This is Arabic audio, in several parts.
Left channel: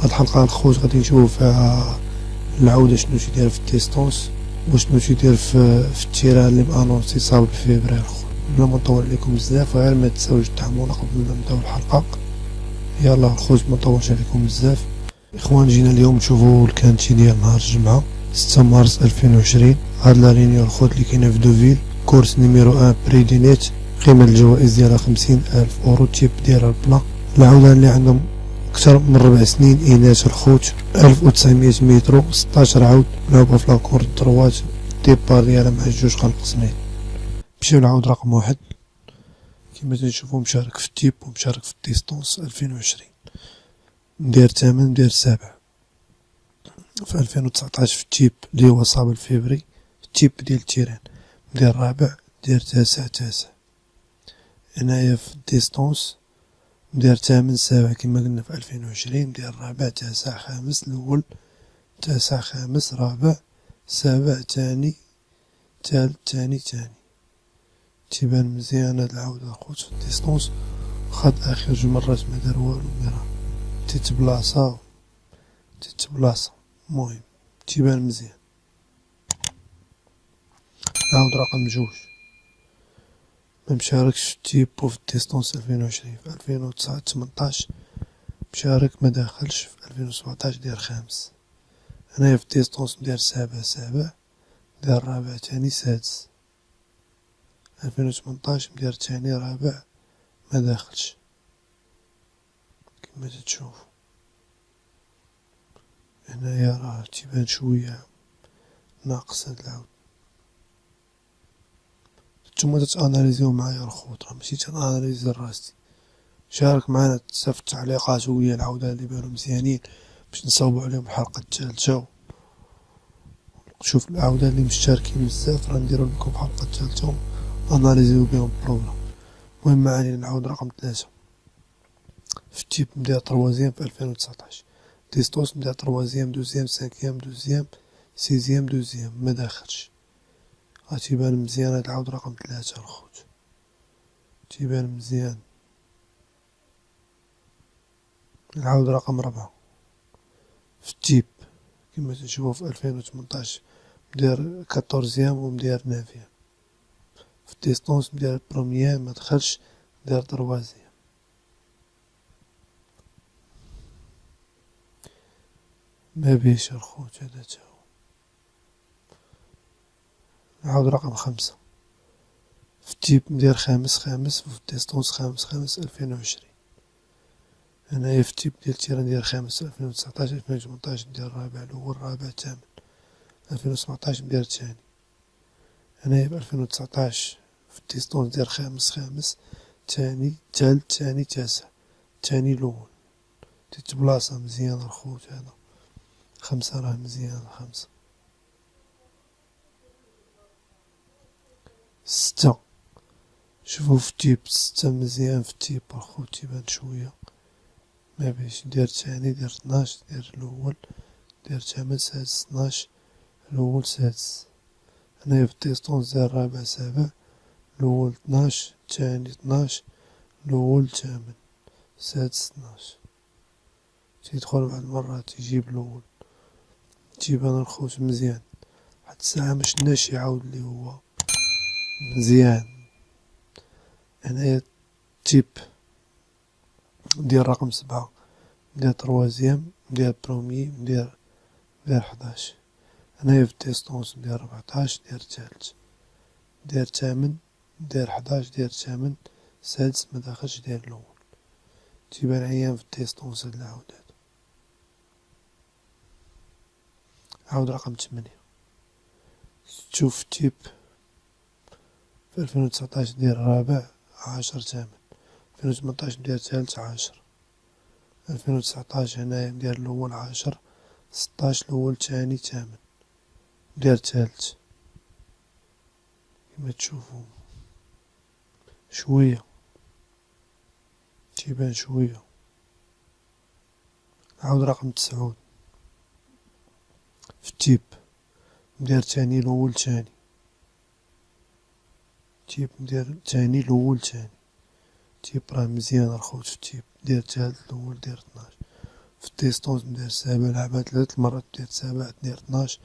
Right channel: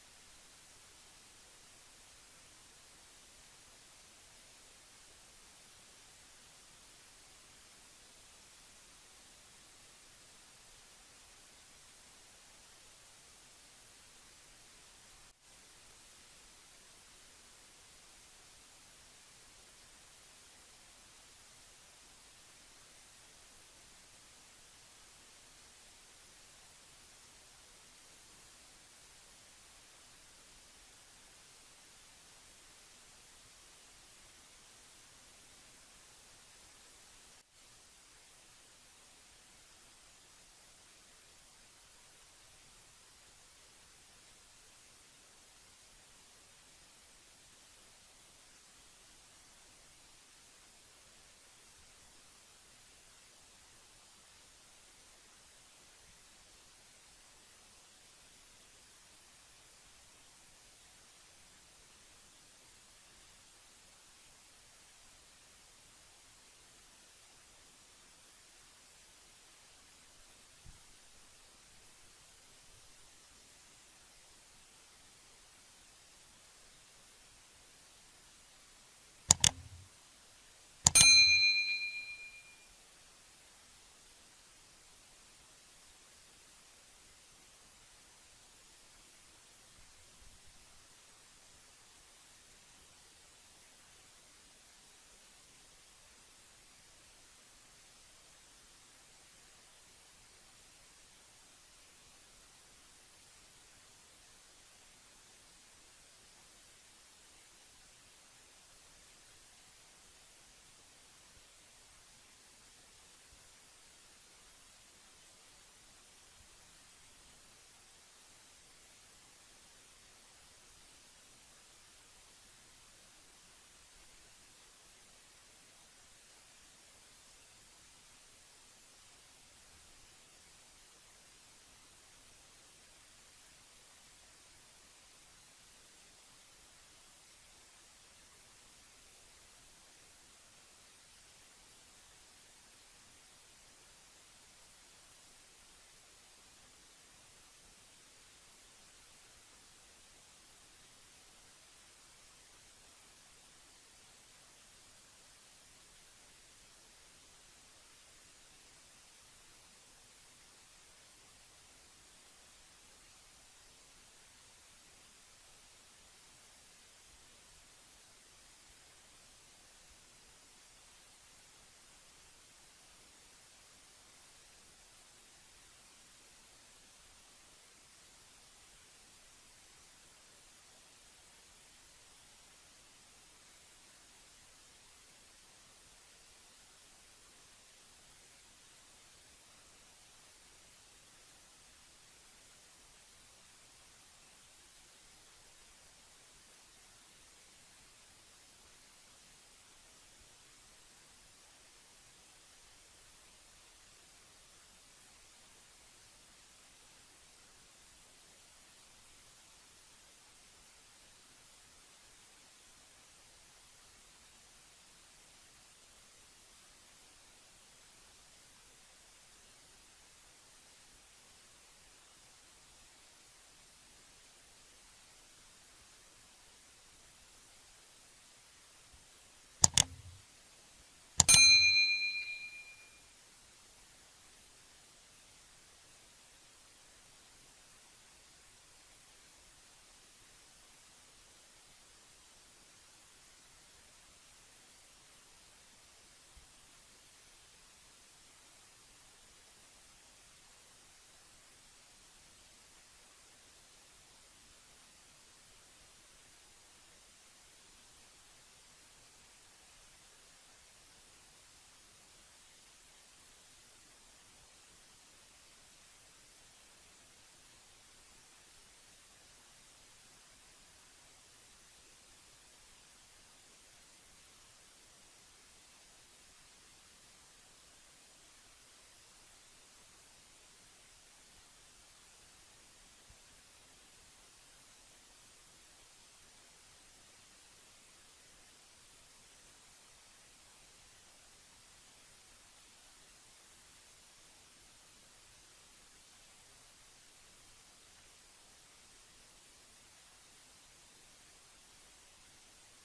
هاد الحلقة الخوت غادي نشوفو فيها العودة شنو تيدير في الديستونس وشنو تيدير في التيران اللي مانونسي صاب الفيفرير. بلا ما نطول عليكم بزاف غير ما تنساوش تدعمونا قبل ما نبداو الحلقة. يلا الخوت ما نطولش عليكم بزاف. اخوان جينا اليوم نشوفو الكانتي ديال نهار الجمعة 6 مارس 2020. هاد لا رينيو الخوت اللي كاينة في دوفيل كورس نيميرو 1 بريدينيت، قيمة الجوائز ديالها 50,000 اورو، تيب ديالها البلا. العودة اللي عندهم أكثر من 4 سنين إناث الخوت، 1900 مترو، 16 عود، لعبة في لاكور الدروات، ديبار ديالها مع جوج خلق سميت. مشيو العود رقم 1 كيما تنشوفو مشارك في التيب ومشارك في الديستونس 2020. مدير 8 مدير 7 في 2019 في التيب اللي هو صاب الفيفري، التيب ديال التيران مدير رابع مدير 9. هنايا في الديستونس مدير 8 7 كما قلنا في 2020، مدير رابع 9 خامس الأول، 9 خامس رابع 7 تاني تالت تاني. تيبان مزيان هاد العودة الخوت في الديستونس. خد آخر جوج مرات ما دار والو ميرا تتبلاصا المهم تيبان مزيان. العود رقم 2 ممشاركش في التيب وفي الديستونس 2020. في 2018 مشارك ما داخلش، في 2017 دير خامس. هنايا في الديستونس مدير 7 مدير رابع تاني سادس. 2018 مدير تاني رابع ما داخلش كما تتشوفو. هنايا راه تيبان شوية ناقص هاد العود. نتوما تتاناليزيو معايا الخوت، راه ماشي تناناليزي راسي. شارك معنا في التعليقات وهي العودة اللي بانو مزيانين باش نصاوبو عليهم الحلقة الثالثة. شوف العودة اللي مشتركين بزاف راه نديرو لكم الحلقة الثالثة اناليزيو بهم البروغرام. المهم معاني العود رقم 3 في التيب مدير تروازيام في 2019، ديستونس مدير تروازيام دوزيام سانكيام دوزيام سيزيام دوزيام ما داخلش. تيبان مزيان هاد العود رقم 3 الخوت، تيبان مزيان. العود رقم 4 في التيب كما تشوفوا في 2018 مدير 14 ومدير 9. في الديستونس مدير بروميير ما دخلش، مدير 3. ما بيش الخوت هذا تاهو. العود رقم 5 في التيب مدير خامس وفي الديستونس خامس 2020. هنايا في التيب ديال التيران ديال خامس 2019، 2018 مدير رابع الأول رابع ثامن، 2017 مدير تاني. هنايا في 2019 في الديستونس ديال خامس تاني تالت تاني 9 تاني الأول. تتبلاصا مزيان الخوت هذا 5 راه مزيان 5. 6 شوفو في التيب 6 مزيان في التيب الخوت تيبان شوية ما بيش. دير تاني دير 12 دير الأول دير 8 سادس 12 الأول سادس. هنايا في الديستونس دير رابع 7 الأول 12 تاني 12 الأول 8 سادس 12. تيدخل بعد مرات تيجيب الأول. تيبان الخوت مزيان حتى الساعة مشناش يعاود لي هو مزيان. هنايا تيب ديال رقم 7 مدير تروازيام مدير بروميي مدير 11. هنايا في الديستونس مدير 14 دير تالت دير 8 دير 11 دير 8 سادس ما داخلش دير الأول. تيبان عيان في الديستونس هاد العود هذا. عود رقم 8 تشوف التيب في 2019 دير رابع 10 8، 2018 مدير تالت 10، 2019 هنايا مدير الأول 10 16 الأول تاني 8 مدير تالت. كما تشوفو شوية تيبان شوية. عود رقم 9 في التيب مدير تاني الأول تاني، تيب مدير تاني الأول تاني. تيب راه مزيان الخوت في التيب دير تالت الأول دير 12. في الديستونس ندير 7 لعبة 3 المرات ندير 7 ندير 12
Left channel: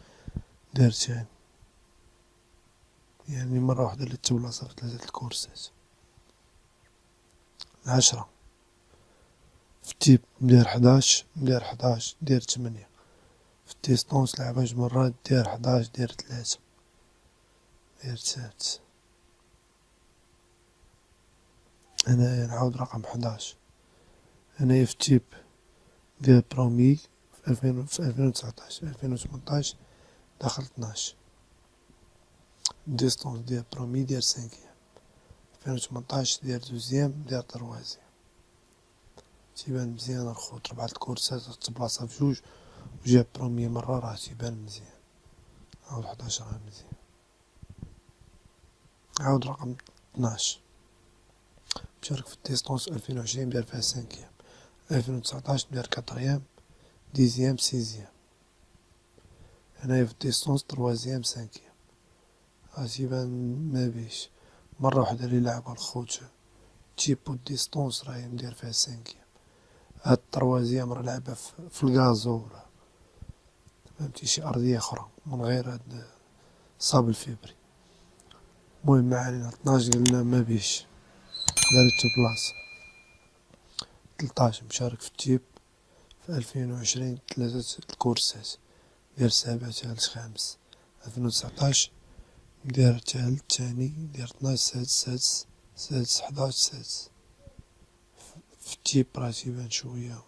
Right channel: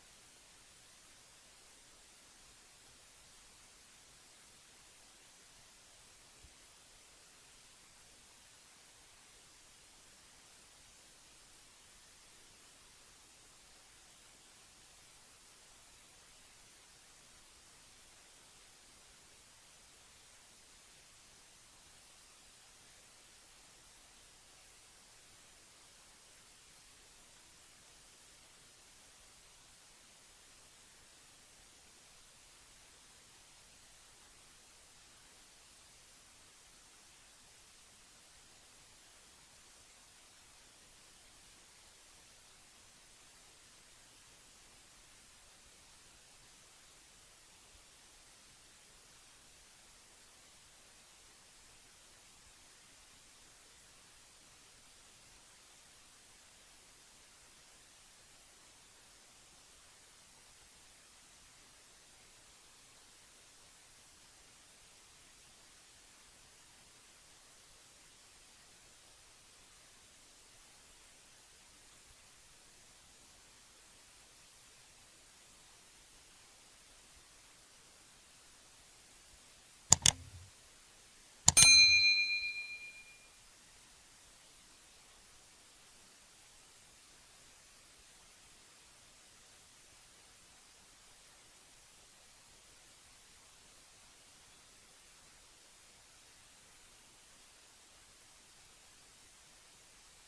ندير تاني، يعني مرة واحدة اللي تبلاصة في 3 الكورسات. 10 في التيب ندير 11 ندير 8 في الديستونس لعبة جوج مرات دير 11 دير 3 دير 9. هنايا نعاود رقم 11. هنايا في التيب ديال برومي في 2019 2018 دخل 12. ديستونس ديال برومي ديال 5 2018 ديال دوزيام ديال تروازيام. تيبان مزيان الخوت 4 الكورسات تبلاصة في جوج وجاب برومي مرة راه تيبان مزيان. عاود 11 راه مزيان. عاود رقم 12 مشارك في الديستونس 2020 دار فيها 5 2019 دار 4 10 6. هنايا في الديستونس 3 5 تيبان ما بيش مرة واحدة اللي لعبها الخوت تيبو الديستونس راهي مدير فيها 5. هاد 3 راه لعبها في الغازو فهمتي شي أرضية أخرى من غير هاد صاب الفيبري. المهم معالينا 12 قلنا ما بيش دارت بلاصة. 13 مشارك في التيب في 2020 3 الكورسات دير 7 ثالث خامس. 2019 دير ثالث ثاني دير 12 سادس 11 سادس. في التيب راه تيبان شوية.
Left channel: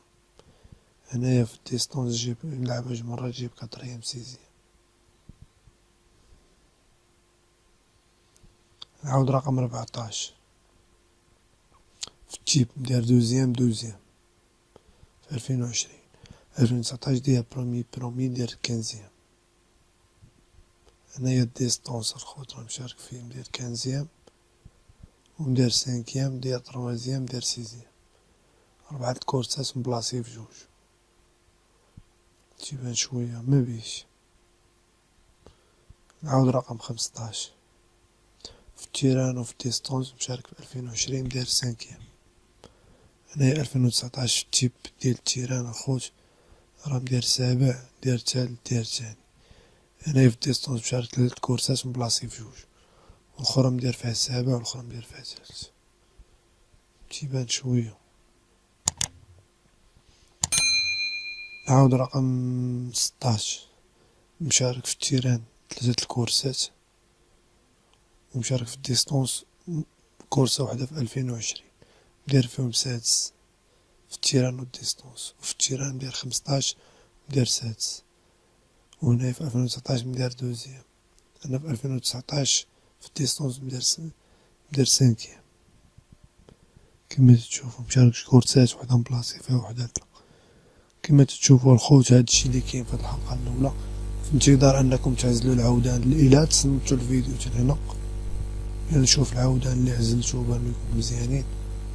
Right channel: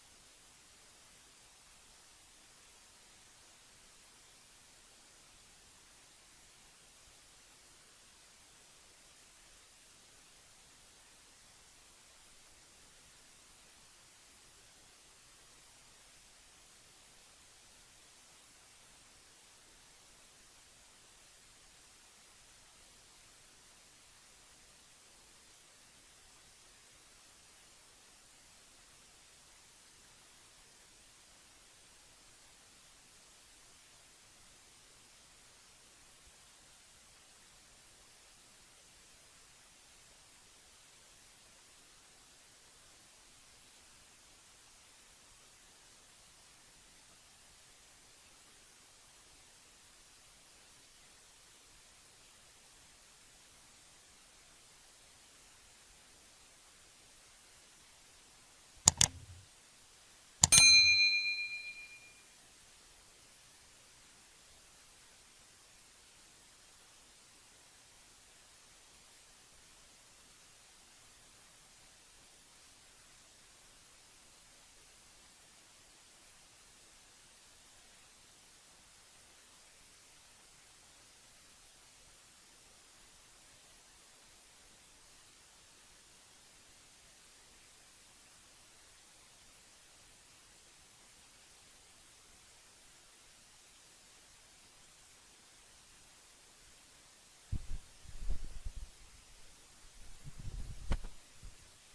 هنايا في الديستونس جيب نلعب جوج مرات جيب 4 6. نعاود رقم 14 في التيب دير دوزيام في 2020. 2019 دير برومي دير 15. هنايا الديستونس الخوت راه مشارك فيه مدير 15 ومدير 5 مدير 3 مدير 6. 4 الكورسات مبلاصي في جوج تيبان شوية ما بيش. نعاود رقم 15 في التيران وفي الديستونس مشارك في 2020 دير 5. هنايا 2019 في التيب ديال التيران الخوت راه مدير 7 دير ثالث دير ثاني. هنايا في الديستونس مشارك 3 كورسات مبلاصي في جوج والأخرى مدير فيها 7 والأخرى مدير فيها ثالث تيبان شوية. نعاود رقم 16 مشارك في التيران 3 الكورسات ومشارك في الديستونس كورسة واحدة في 2020 مدير فيهم سادس في التيران والديستونس. وفي التيران مدير 15 مدير سادس. وهنا في 2019 مدير دوزيام. أنا في 2019 في الديستونس مدير 5. كما تشوفوا مشارك كورسات وحدة مبلاصي فيها وحدة لا. كما تشوفوا الخوت هادشي اللي كاين في هاد الحلقة الأولى. فانتظار أنكم تعزلوا العودان إلى تصنتوا الفيديو هنا يعني نشوف العودان اللي عزلتو بانو يكونوا مزيانين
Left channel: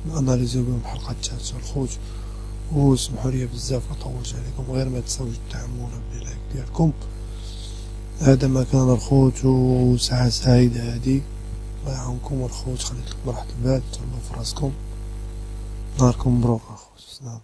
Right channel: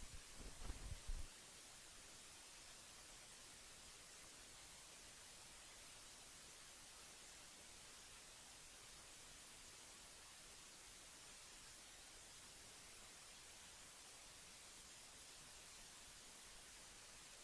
ناناليزيو بهم الحلقة الثالثة الخوت. وسمحوا لي بزاف مطولش عليكم غير ما تنساوش تدعمونا باللايك ديالكم. هذا ما كان الخوت وساعة سعيدة هادي الله يعاونكم الخوت خليت لكم راحة البال تهلاو في راسكم نهاركم مبروك الخوت.